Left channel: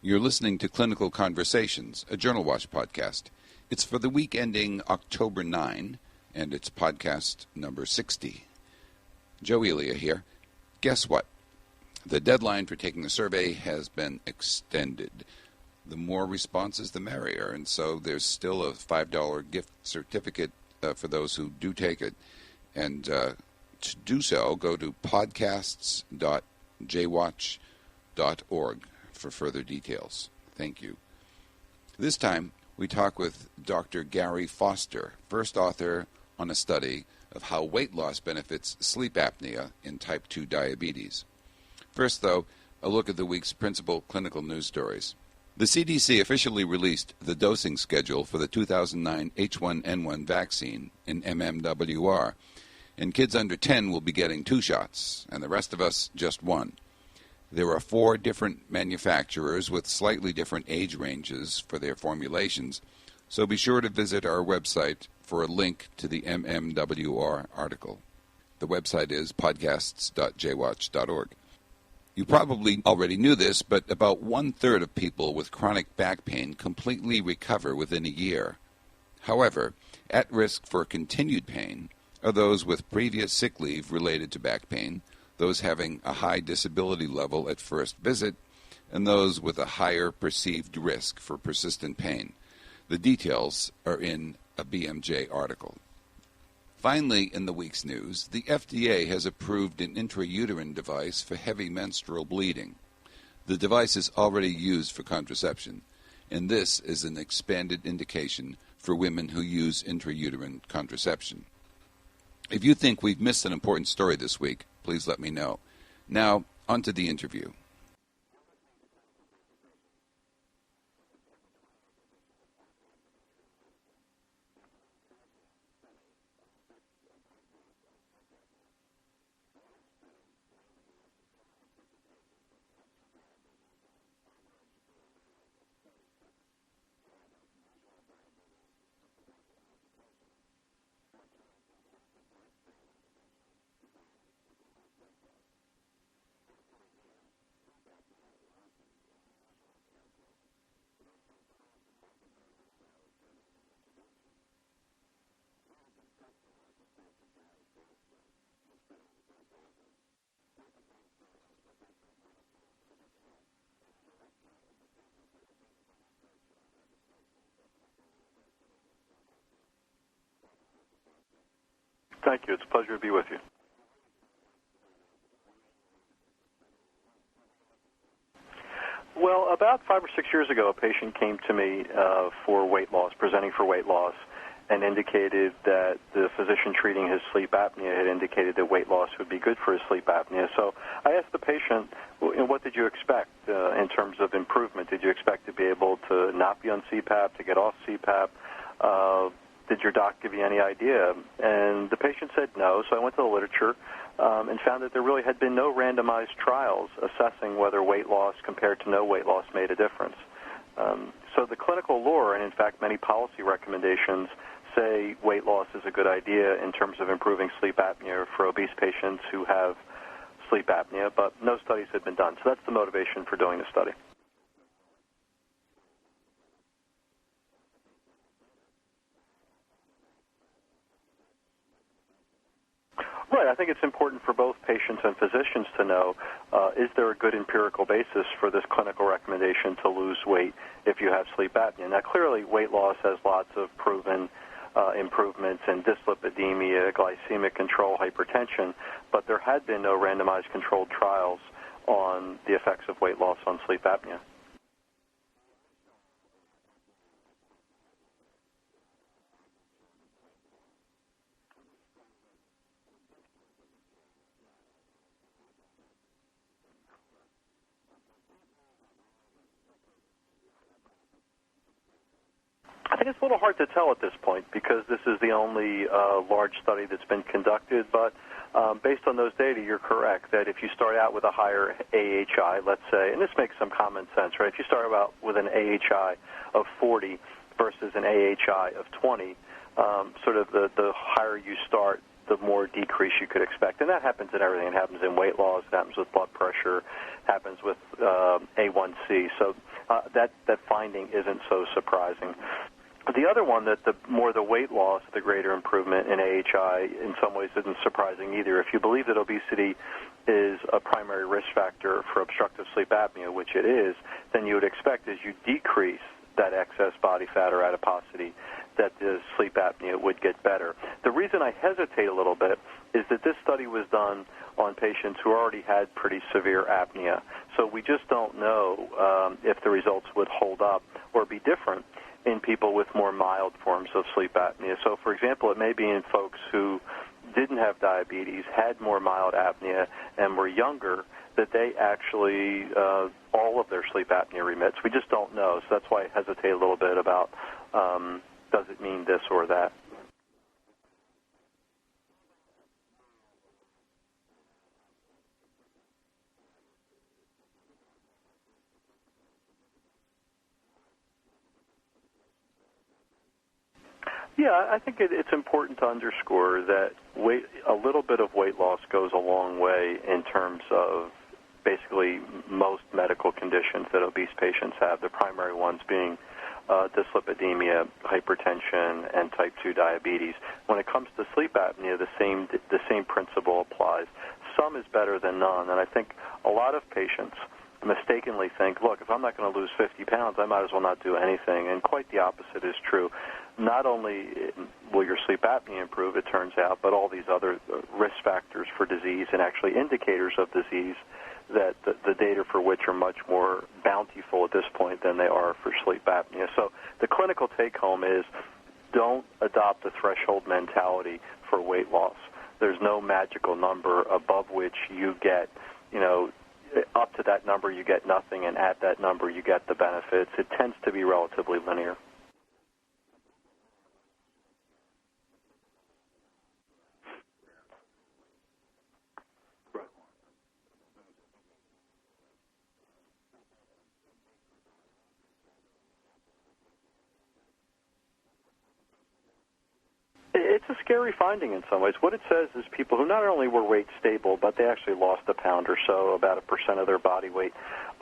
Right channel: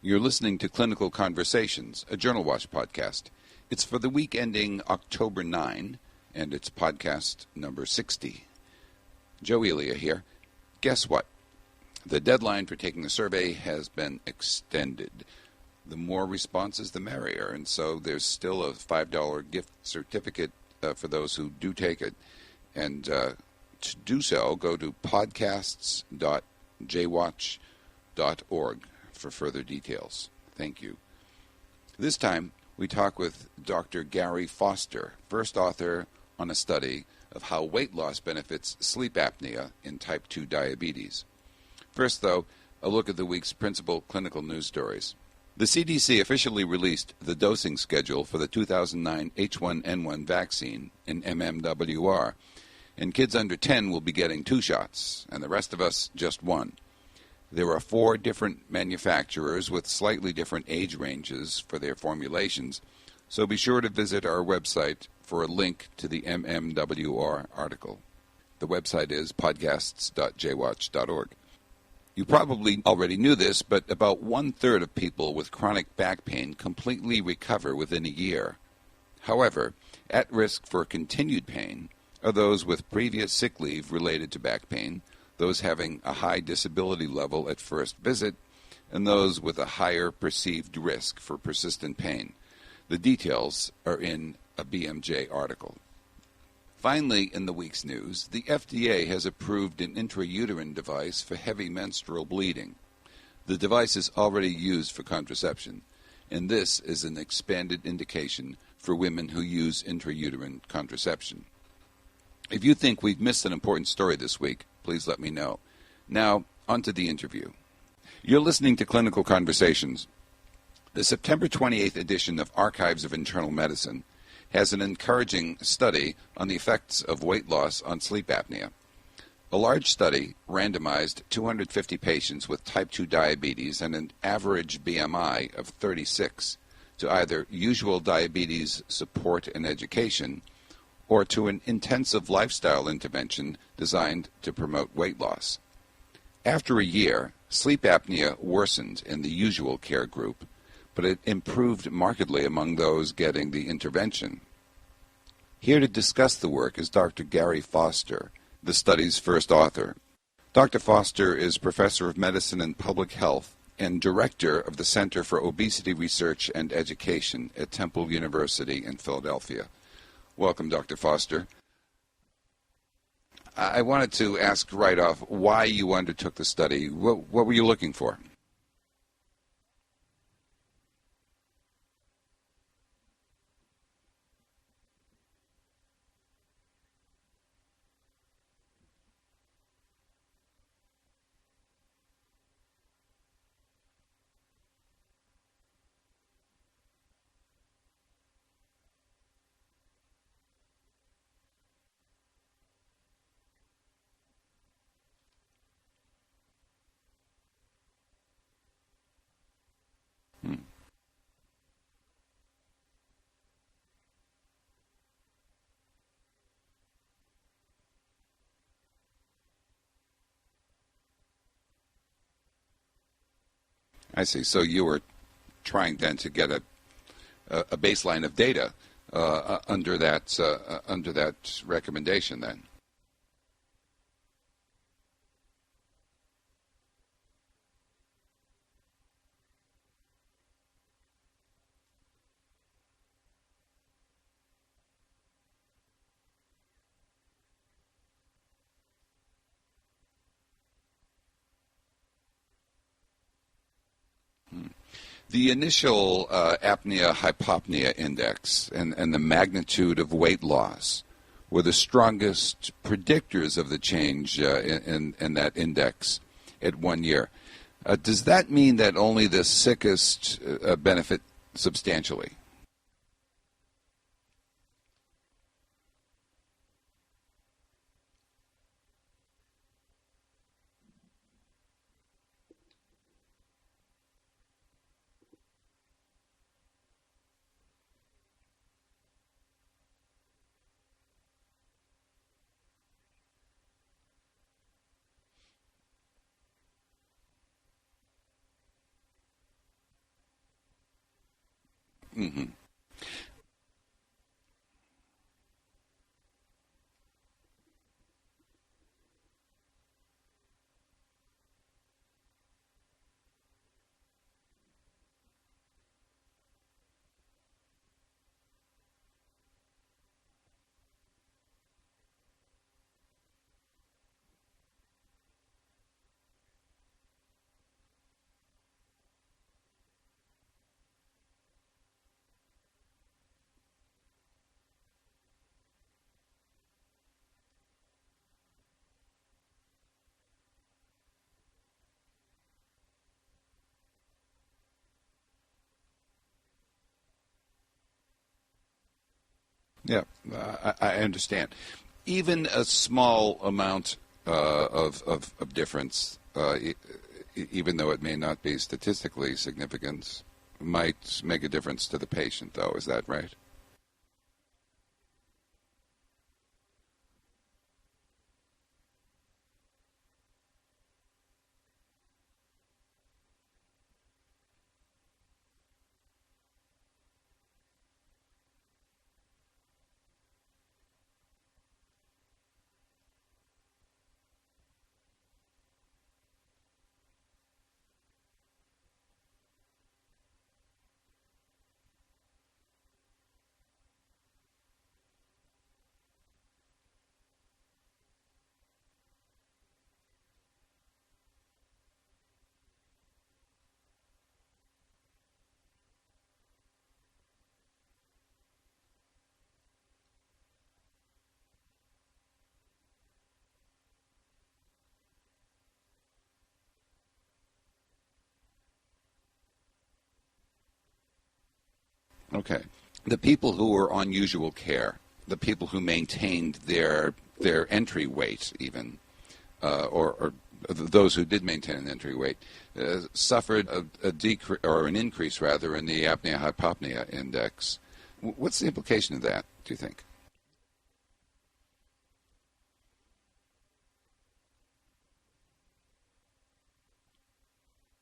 You're listening to Clinical Conversations, a Journal Watch podcast. It's for the week ending October 9, and it's podcast number 60. Joe Elia here. Guess what? The deadline for taking the survey has been extended. The more responses, the merrier, and so there's still a $5 gift certificate for those who do take it. And to do so, go to podcasts.jwatch.org for further details. Thank you. This time, we talk with Dr. Gary Foster, first author on a study of how weight loss benefits sleep apnea in type 2 diabetes. First, though, a look at the week's principal clinical news stories. The CDC officially released the dosing schedule for the 2009 H1N1 vaccine in MMWR, and kids under 10 will be getting 2 shots, and the rest of us just 1. There are 4 different manufacturers with slightly different age ranges for their formulations, so be sure to visit our website for a link to the MMWR article. The website is podcasts.jwatch.org. You probably already knew this, but about 1/3 of people with chronic back pain completely recover within a year. However, at risk for continued pain are those with previous sick leave related to back pain, those having a high disability level at first visit, and those with a higher perceived risk for persistent pain. The details are in a BMJ article. Finally, in the week's news, the FDA has approved an intrauterine device for heavy menstrual bleeding. The device is already used for contraception, and this is an expanded indication for women who use intrauterine contraception. If you think we've missed an important story this week, please let me know. Now, on to the interview. You're listening to Clinical Conversations. The September 28th edition of Archives of Internal Medicine has an encouraging study on the effects of weight loss on sleep apnea. A large study randomized 250 patients with type 2 diabetes and an average BMI of 36 to either usual diabetes support and education or to an intensive lifestyle intervention designed to promote weight loss. After a year, sleep apnea worsened in the usual care group, but it improved markedly among those getting the intervention. Here to discuss the work is Dr. Gary Foster, the study's first author. Dr. Foster is Professor of Medicine and Public Health and Director of the Center for Obesity Research and Education at Temple University in Philadelphia. Welcome, Dr. Foster. Thank you. It's a pleasure to be with you. I wanted to ask right off why you undertook the study. What were you looking for? Well, about 5 or 6 years ago, a patient came to me for weight loss, presenting for weight loss, and indicated that the physician treating his sleep apnea had indicated that weight loss would be good for his sleep apnea. So I asked the patient, what did you expect in terms of improvement? Did you expect to be able to not be on CPAP, to get off CPAP? Did your doc give you any idea? And the patient said no, so I went to the literature and found that there really had been no randomized trials assessing whether weight loss compared to no weight loss made a difference. So the clinical lore, and in fact many policy recommendations, say weight loss is a good idea in terms of improving sleep apnea for obese patients who have sleep apnea, but no studies had been done. So that's the motivation for doing the study. I see. So you were trying then to get a baseline of data under that recommendation then. Right. I think it's important for both patients and physicians to know, is there a good empirical basis for this clinical recommendation to lose weight if you have sleep apnea? Now, clearly, weight loss has lots of proven improvements in dyslipidemia, glycemic control, hypertension, but there had been no randomized controlled trials on the effects of weight loss on sleep apnea. The initial apnea-hypopnea index and the magnitude of weight loss were the strongest predictors of the change in that index at 1 year. Does that mean that only the sickest benefit substantially? I think it's a little hard to tell at this point because this is the only large study that's been conducted, but based on those data, you're correct that if you start out with a higher AHI, let's say, and this makes some common sense, right? If you start out with an AHI of 40 versus an AHI of 20, sort of the higher you start, the more decrease you could expect. And that happens in everything. It happens in weight loss. It happens with blood pressure. It happens with A1C. So that finding isn't so surprising. Mm-hmm. The other one, that the more the weight loss, the greater improvement in AHI, in some ways isn't surprising either. If you believe that obesity is a primary risk factor for obstructive sleep apnea, which it is, then you would expect as you decrease that excess body fat or adiposity, that the sleep apnea would get better. The reason I hesitate a little bit is that this study was done on patients who already had pretty severe apnea. So we just don't know if the results would hold up or be different in people with more mild forms of sleep apnea. So, for example, it may be in folks who didn't have diabetes, had more mild apnea, and were younger, that they actually, all of their sleep apnea remits. We just don't know. So that's why I hesitate a little bit about does it mean this or that. Yeah, I understand. Even a small amount of difference, even though it may not be statistically significant, might make a difference to the patient, though. Is that right? Yeah, I think it's important to underscore that a little bit of weight loss goes a long way in terms of basically most medical conditions that obese patients have, the primary ones being dyslipidemia, hypertension, and type 2 diabetes. When it comes to sleep apnea, the same principle applies. Some is better than none, and I think a lot of patients mistakenly think, look, if I'm not going to lose 50 pounds, I might as well not do anything, and quite the opposite is true. Not only will your sleep apnea improve, it turns out, but all these other risk factors for disease and actually indicators of disease that the data for which are much more bountiful at this point than they are for sleep apnea. So the clinical take-home is don't adopt a threshold mentality for weight loss. There's no magical number above which you get, up to that number you get nothing, and at that number you get the benefits. It tends to be relatively linear. Okay. The people who were on usual care, the people who maintained their entry weight even, or those who did maintain an entry weight, suffered a decrease, or an increase rather, in the apnea-hypopnea index. What's the implication of that, do you think? It's a scary finding in some ways. What it says is people who not only were weight stable, but they actually lost a pound or so, about 1% of their body weight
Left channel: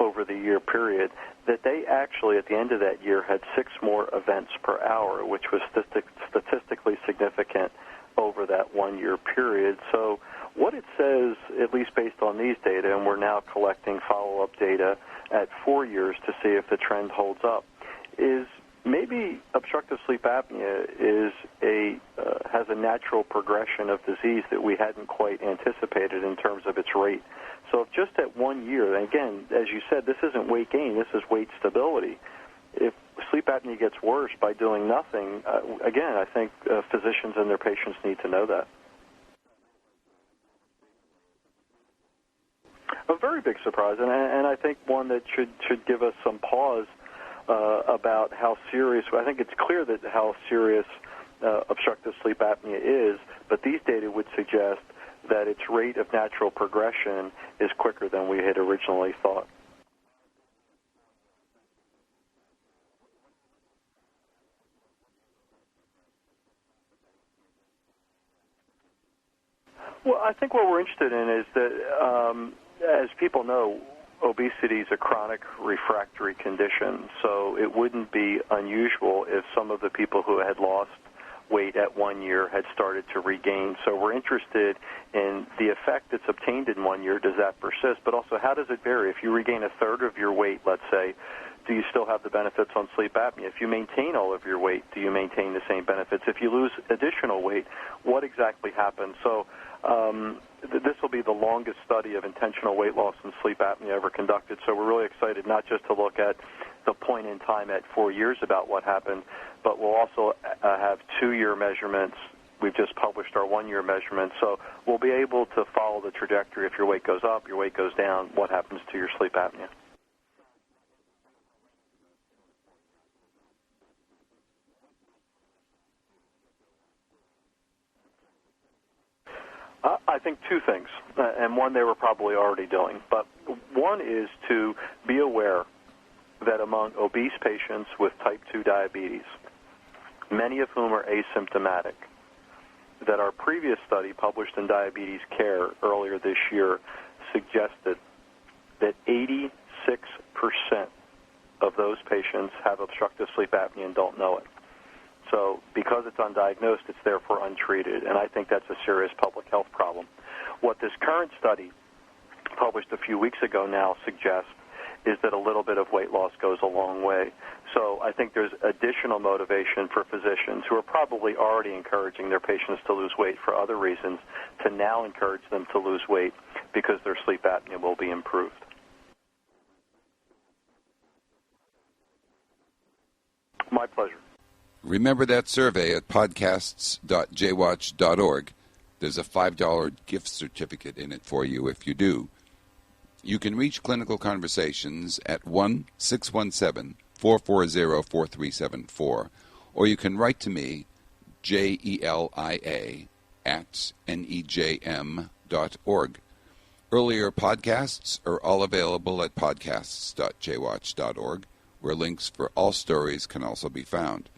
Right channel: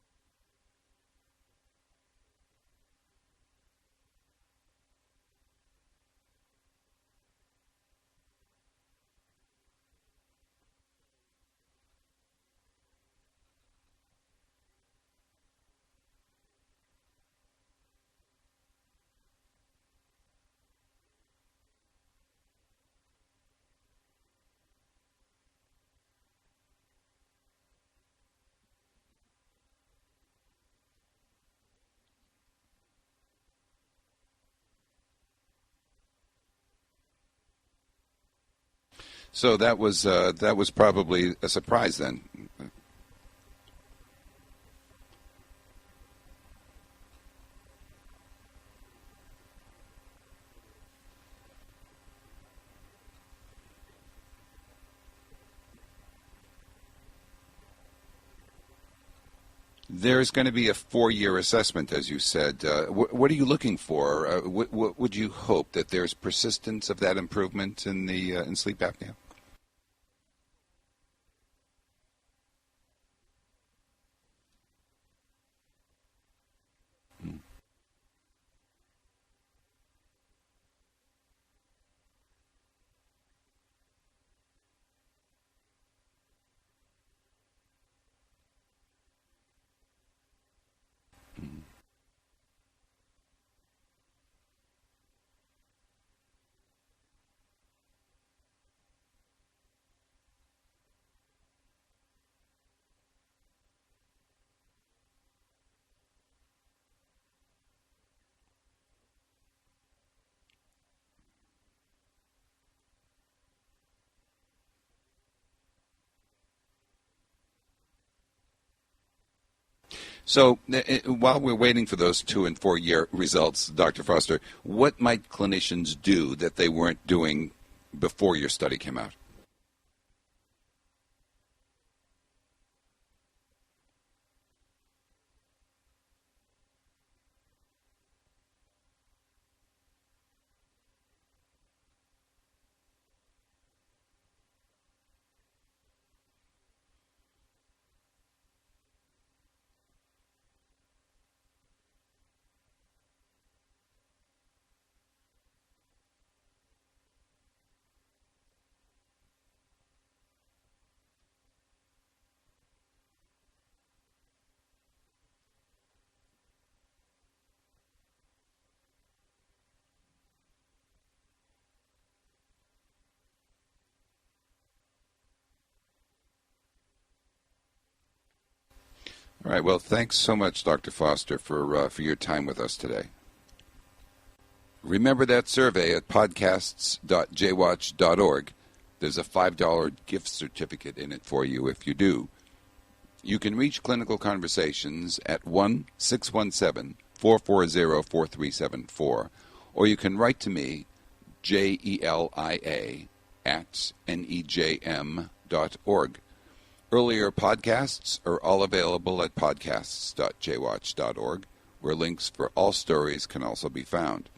over the year period, that they actually, at the end of that year, had 6 more events per hour, which was statistically significant over that 1-year period. So what it says, at least based on these data, and we're now collecting follow-up data at 4 years to see if the trend holds up, is maybe obstructive sleep apnea has a natural progression of disease that we hadn't quite anticipated in terms of its rate. So if just at 1 year, and again, as you said, this isn't weight gain, this is weight stability. If sleep apnea gets worse by doing nothing, again, I think physicians and their patients need to know that. So that was probably a surprise then. A very big surprise, and I think one that should give us some pause about how serious. I think it's clear that how serious obstructive sleep apnea is, but these data would suggest that its rate of natural progression is quicker than we had originally thought. There's going to be a 4-year assessment, as you said. What are you looking for? What would you hope, that there's persistence of that improvement in sleep apnea? Well, I think what we're interested in is that, as people know, obesity is a chronic refractory condition, so it wouldn't be unusual if some of the people who had lost weight at 1 year had started to regain. So we're interested in the effect that's obtained in 1 year. Does that persist? But also, how does it vary? If you regain a third of your weight, let's say, do you still have the benefits on sleep apnea? If you maintain all of your weight, do you maintain the same benefits? If you lose additional weight, what exactly happens? So this will be the longest study of intentional weight loss in sleep apnea ever conducted. So we're really excited not just to look at the point in time at 4 years about what happened, but we'll also have 2-year measurements. We've just published our 1-year measurements, so we'll be able to follow the trajectory. If your weight goes up, your weight goes down, what happens to your sleep apnea. So while we're waiting for those 2- and 4-year results, Dr. Foster, what might clinicians do that they weren't doing before your study came out? I think 2 things, and one they were probably already doing. But one is to be aware that among obese patients with type 2 diabetes, many of whom are asymptomatic, that our previous study published in Diabetes Care earlier this year suggested that 86% of those patients have obstructive sleep apnea and don't know it. So because it's undiagnosed, it's therefore untreated, and I think that's a serious public health problem. What this current study, published a few weeks ago now, suggests is that a little bit of weight loss goes a long way. So I think there's additional motivation for physicians who are probably already encouraging their patients to lose weight for other reasons to now encourage them to lose weight because their sleep apnea will be improved. All right. Well, thanks so much, Dr. Foster, for your time with us today. My pleasure. Remember that survey at podcasts.jwatch.org. There's a $5 gift certificate in it for you if you do. You can reach Clinical Conversations at 1-617-440-4374, or you can write to me, JELIA, at NEJM.org. Earlier podcasts are all available at podcasts.jwatch.org, where links for all stories can also be found.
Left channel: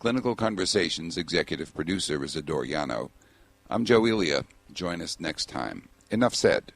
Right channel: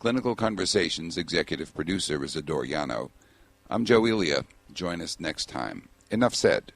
Clinical Conversations executive producer is Adore Yano. I'm Joe Elia. Join us next time. Enough said.